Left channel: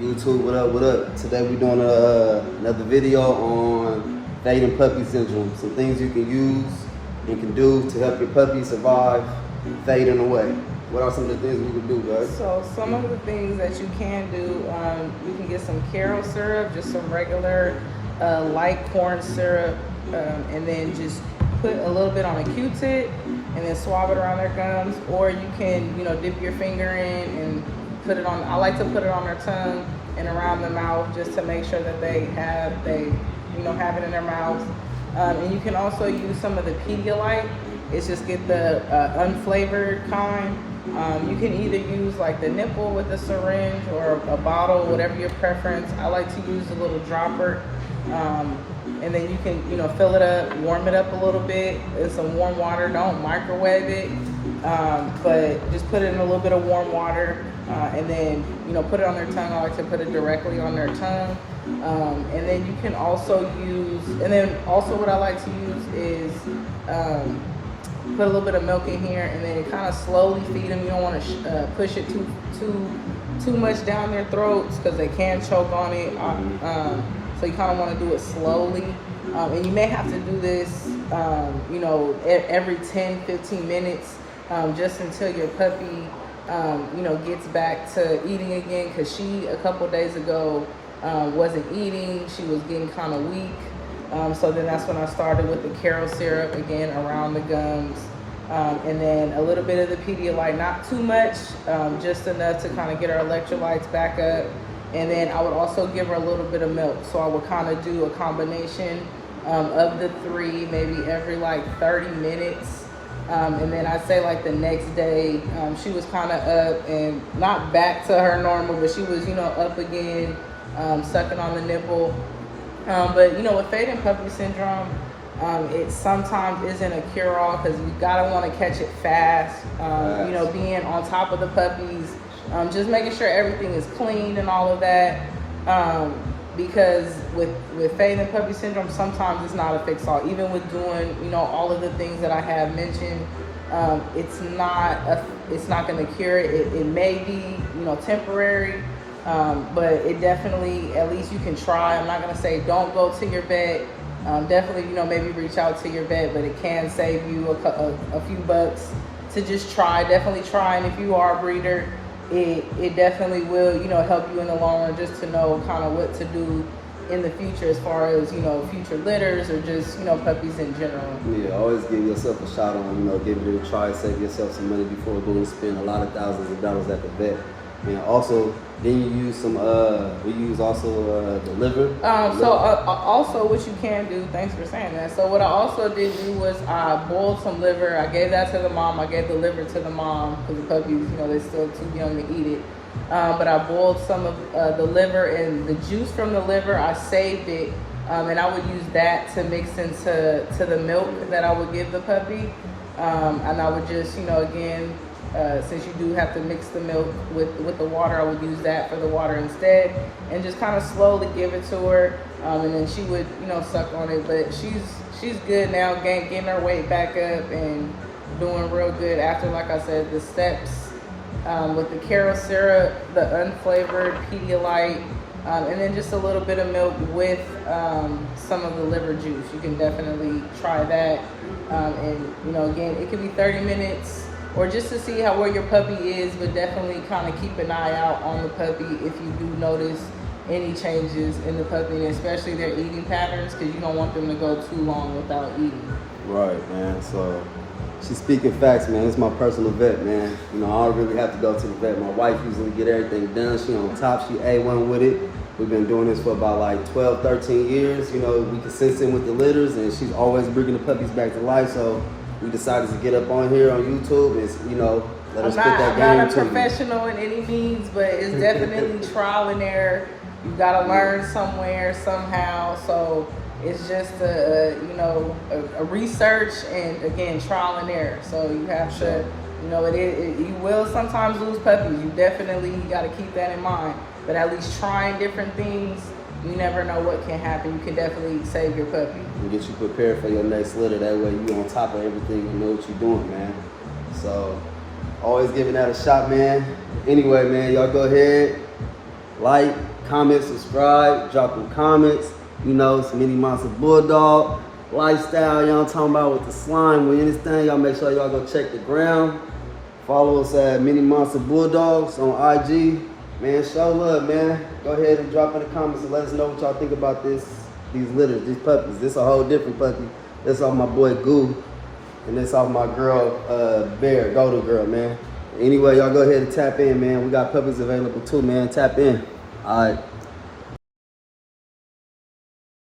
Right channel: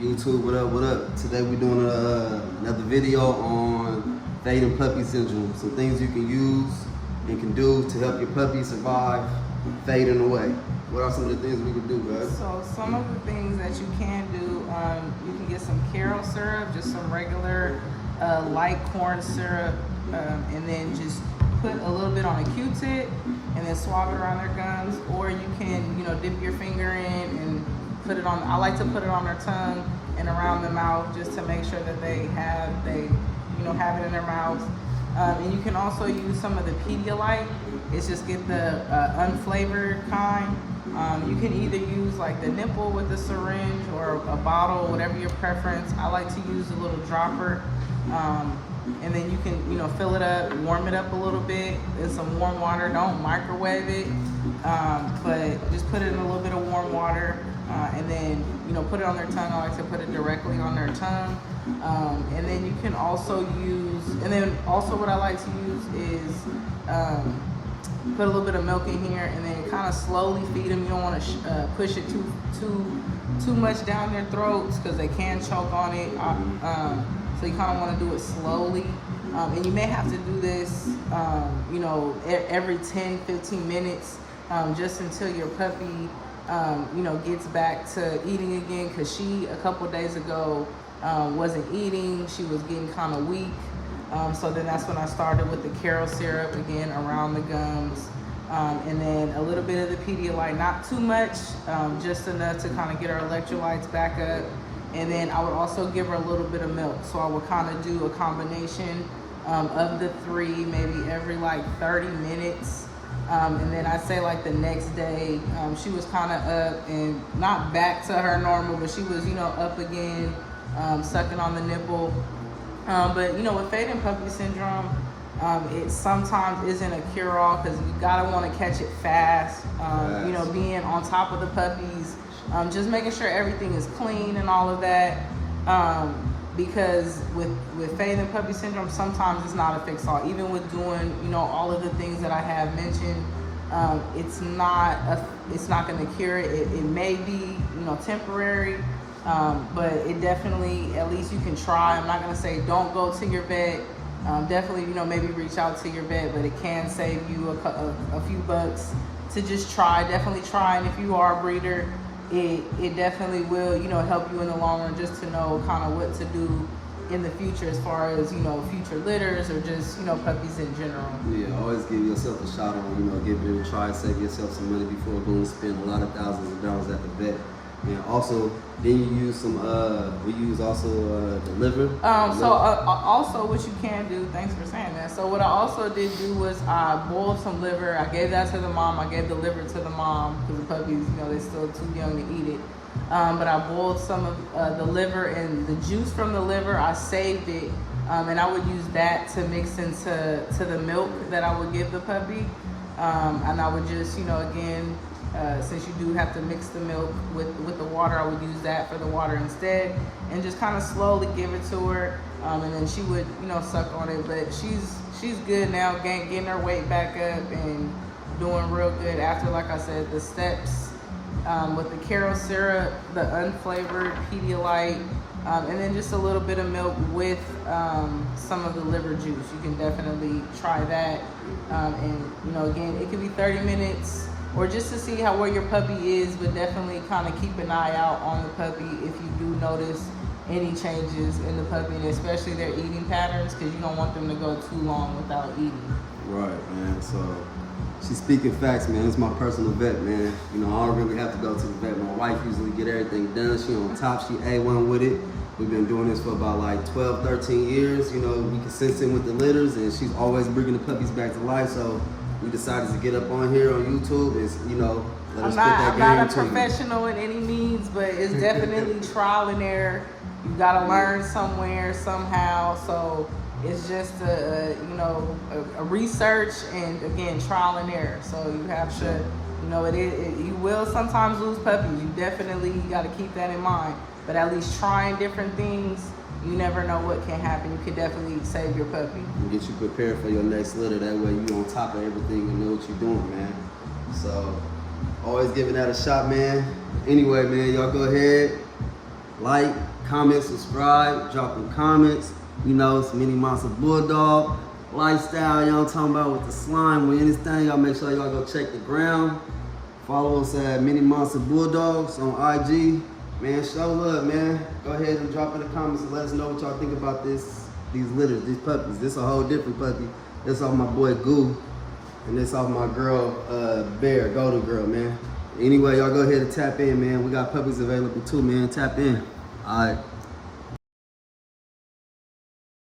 YouTube, what up, what up? Today we're doing another video on fading puppy syndrome. Some things you can use and can do to help your puppy survive fading away. What are some of the things we can do, guys? So some of the things that you can do, you can get some Karo syrup, just some regular light corn syrup, and then just put a little bit on a Q-tip and then swab it around their gums. Or you can, dip your finger in and put it on. I like to put it on their tongue and around the mouth just to make sure that they have it in their mouth. And you can also use some of the Pedialyte. It's just get the unflavored kind. You can either use like the nipple with a syringe or a bottle, whatever your preference. I like to use a little dropper. And then you can, fill it up, warm it up a little bit in some warm water. Don't microwave it, but just put it in a little bit of warm water. And then, put it on their tongue. I like to put it directly on their tongue. And then you can also what I like to use is put a little bit of milk in here and then kind of slowly feed them. You don't want to push it too much down their throats because they can choke on it. So you kind of want to do it slowly. And you may have to do this, every 10-15 minutes just until your puppy gets back to eating again, because she a couple days ago wasn't eating. She was getting kind of weak. So then that's when I started with the Karo syrup again around the gums, and then a little bit of the Pedialyte, not too much, just enough to kind of get her electrolytes back up. And then I would also give her a little bit of milk. So I would kind of do a combination of the three, maybe every like 30 minutes. And then I'd say like the next day, she was kind of up and not back to her normal, but she was, up again, sucking on the nipple. But with fading puppy syndrome, it sometimes isn't a cure-all because you gotta want to catch it fast. Being on top of the puppies, just making sure everything is clean and all of that. Because with fading puppy syndrome, sometimes it's not a fix-all. Even with doing, all of the things that I have mentioned, it's not going to cure it. It may be, temporary, but it definitely, at least you can try. I'm not going to say don't go to your vet. Definitely, maybe reach out to your vet, but it can save you a few bucks to just try. Definitely try, and if you are a breeder, it definitely will, help you in the long run, just to know kind of what to do in the future as far as, future litters or just, puppies in general. Yeah, always give yourself a shot on, give it a try, save yourself some money before going to spend a lot of thousands of dollars at the vet. And also, then you use some, we use also the liver. Also what you can do, thanks for saying that. So what I also did do was I boiled some liver. I gave that to the mom. I gave the liver to the mom because the puppies, they're still too young to eat it. But I boiled some of the liver, and the juice from the liver, I saved it. And I would use that to mix into the milk that I would give the puppy. And I would just, again, since you do have to mix the milk with the water, I would use that for the water instead, and just kind of slowly give it to her, and then she would, suck on it. But she's good now, getting her weight back up and doing real good after, like I said, the steps with the Karo syrup, the unflavored Pedialyte, and then just a little bit of milk with some of the liver juice. You can definitely try that, and again, it could be 30 minutes. Or just to see where your puppy is, but definitely kind of keep an eye out on the puppy if you do notice any changes in the puppy, and especially their eating patterns, because you don't want them to go too long without eating. Right, man. So she's speaking facts, man. It's my personal vet, man. I don't really have to go to the vet. My wife usually get everything done. She on top. She A1 with it. We've been doing this for about like 12, 13 years. We consistent with the litters, and she's always bringing the puppies back to life. So we decided to get up on here on YouTube and, let us put that game I'm not a professional in any means, but it's definitely trial and error. You got to learn somewhere, somehow. So it's just a research and, again, trial and error. So you have to, you will sometimes lose puppies. You definitely got to keep that in mind. But at least trying different things, you never know what can happen. You can definitely save your puppy. And get you prepared for your next litter. That way you on top of everything. You know what you're doing, man. So always giving that a shot, man. Anyway, man, y'all go ahead. Like, comment, subscribe, drop them comments. You know, it's Mini Monster Bulldog lifestyle, y'all talking about with the slime, with anything. Y'all make sure y'all go check the ground. Follow us at Mini Monster Bulldogs on IG. Man, show love, man. Go ahead and drop in the comments and let us know what y'all think about these litters, these puppies. This a whole different puppy. This off my boy Goo, and this off my girl Bear, Golden Girl, man. Anyway, y'all go ahead and tap in, man. We got puppies available too, man. Tap in. All right.